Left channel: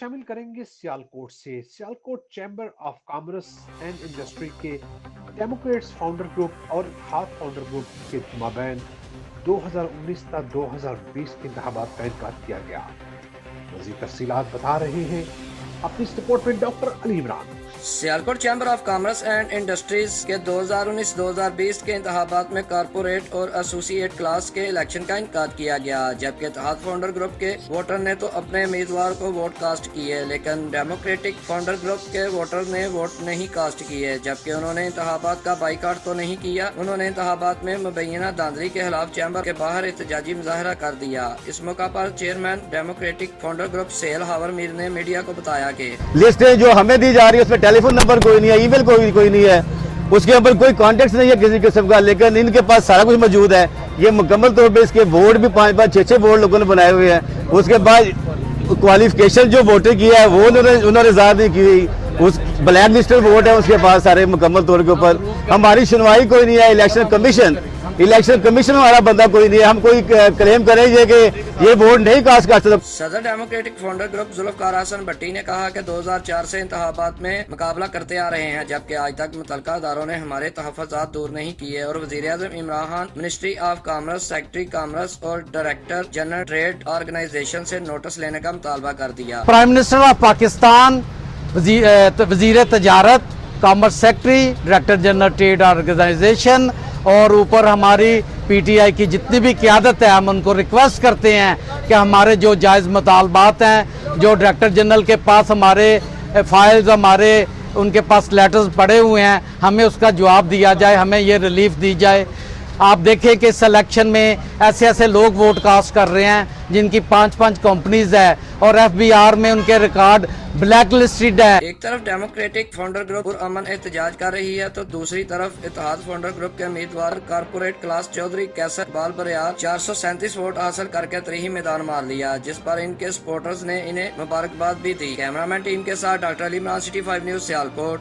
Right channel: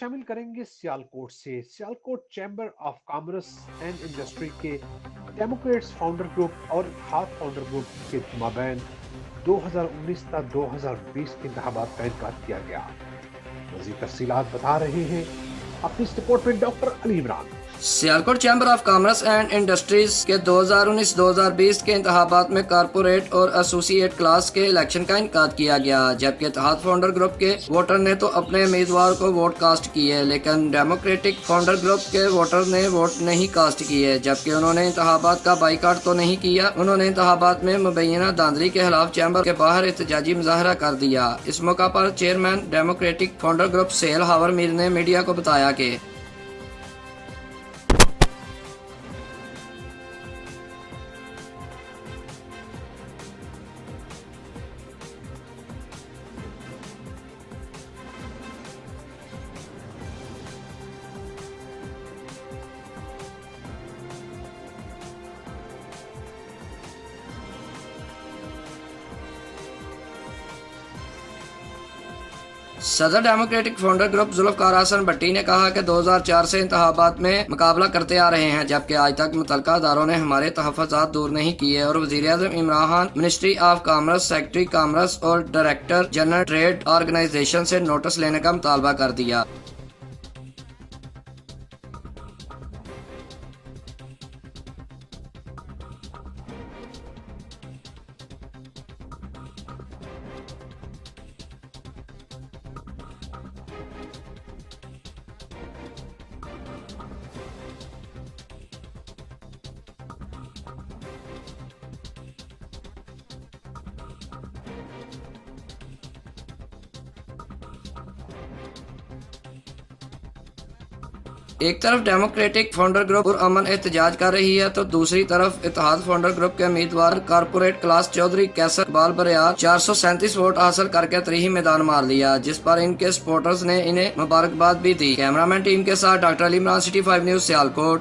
शामिल करेंगे सियालकोट से। Sialkot chamber of commerce and industry के डेमोक्रेट्स फाउंडर ग्रुप और इत्तेहाद फाउंडर ग्रुप के माबैन 2019 ता 2020 के इंतखाबात का इनेकाद किया गया। मज़ीद तफसीलात बता रहे हैं अपनी इस रिपोर्ट में doctor Ali Imran. Sialkot chamber of commerce and industries के 2019-2020 के इंतखाबात में कारपोरेट और एसोसिएट क्लास के इलेक्शन का इनेकाद किया गया, जबकि इत्तेहाद फाउंडर ग्रुप के वोटर ने तो अपने उम्मीदवार को वोट कास्ट किए, लेकिन डेमोक्रेटिक फाउंडर ग्रुप के वोटर ने वोट नहीं कास्ट किए। जबकि उन्होंने इंतखाबात का बाइकाट तो नहीं किया, उन्होंने इंतखाबात में मुबैना धांधली के खिलाफ चैम्बर के बाहर एहतजाजी मुजाहरा कर दिया। इस मौका पर चेयरमैन डेमोक्रेटिक फाउंडर ग्रुप सेल हावर मीर ने मीडिया को बताया कि लिस्टें जो हमें दी जा रही है उसमें टेलीफोन नंबर कोई नहीं है, ईमेल कोई नहीं है, उसके ऊपर कोई कॉन्टेक्ट नहीं है किसी किस्म का, लेकिन इनके पास सारा कुछ मौजूद है। ये मुकम्मल तौर पे इसके बोर्ड भी 5-5, 6-6 बोर्ड लोगों ने बनाए हुए हैं। उसके बाद क्वालिफिकेशन जो वोटर किया है वो उन्होंने ज़ाहिर नहीं की हुई। उस ब्लैक लिस्टेड वोट है उसके पास सारे मुकम्मल तौर के ऊपर। हमारी सुनवाई कोई नहीं है। इलेक्शन कमीशन हमारा बंदा कोई नहीं है। हम कोई क्लेम करेंगे कि ये वोट नहीं कास्ट कर सकता। सदर democratic founder group Zulfikar Hasan Bhatti ने कहा कि 2004 से इंतखाबात में मुकाबला करते आ रहे हैं, जबकि आज तक मुतल्लिका अदारों ने हमारे तहफ़्फ़ुज़ात दूर नहीं किए और वज़ीर-ए-आज़म Imran Khan, ministry of commerce, secretary commerce और डायरेक्टर जनरल ट्रेड ऑर्गेनाइजेशन से नोटिस लेने का मुतालबा कर दिया। प्राइम मिनिस्टर ऑफ पाकिस्तान, वज़ीर तजारत, commerce secretary, director general trade organisation और ऊपर हमारी पीटीआई की जितनी भी क़यादत है, हम उनको रिक्वेस्ट करते हैं कि हमारे जो जायज़ मुतालबात हैं, जो डायरेक्टर जनरल के पास हमारे फाइल्स, हमारे उनके पास लेटर्स पड़े हुए हैं, हमें उसका जवाब दिया जाए, हमें ये रिलीफ दी जाए। आप देखें कि इस इलेक्शन में ऐसे ऐसे लोग वोट कास्ट कर रहे हैं जिनकी 5-5 कंपनीज है और एफबीआर में उनके रिकॉर्ड ब्लैक लिस्टेड है। एक तरफ डेमोक्रेटिक फाउंडर ग्रुप पुरअमन एहतजाज कर रही है तो दूसरी तरफ इत्तेहाद फाउंडर ग्रुप के उम्मीदवार कारपोरेट क्लास चौधरी कैसर इकबाल बरियार 437 वोट हासिल करके तरीही मैदान मार लिया, जिस पर इनके सपोर्टर्स ने इन्हें मुबारकबाद भी दी। कैमरामैन टीम के साथ doctor Ali Imran, city 5 news, Sialkot.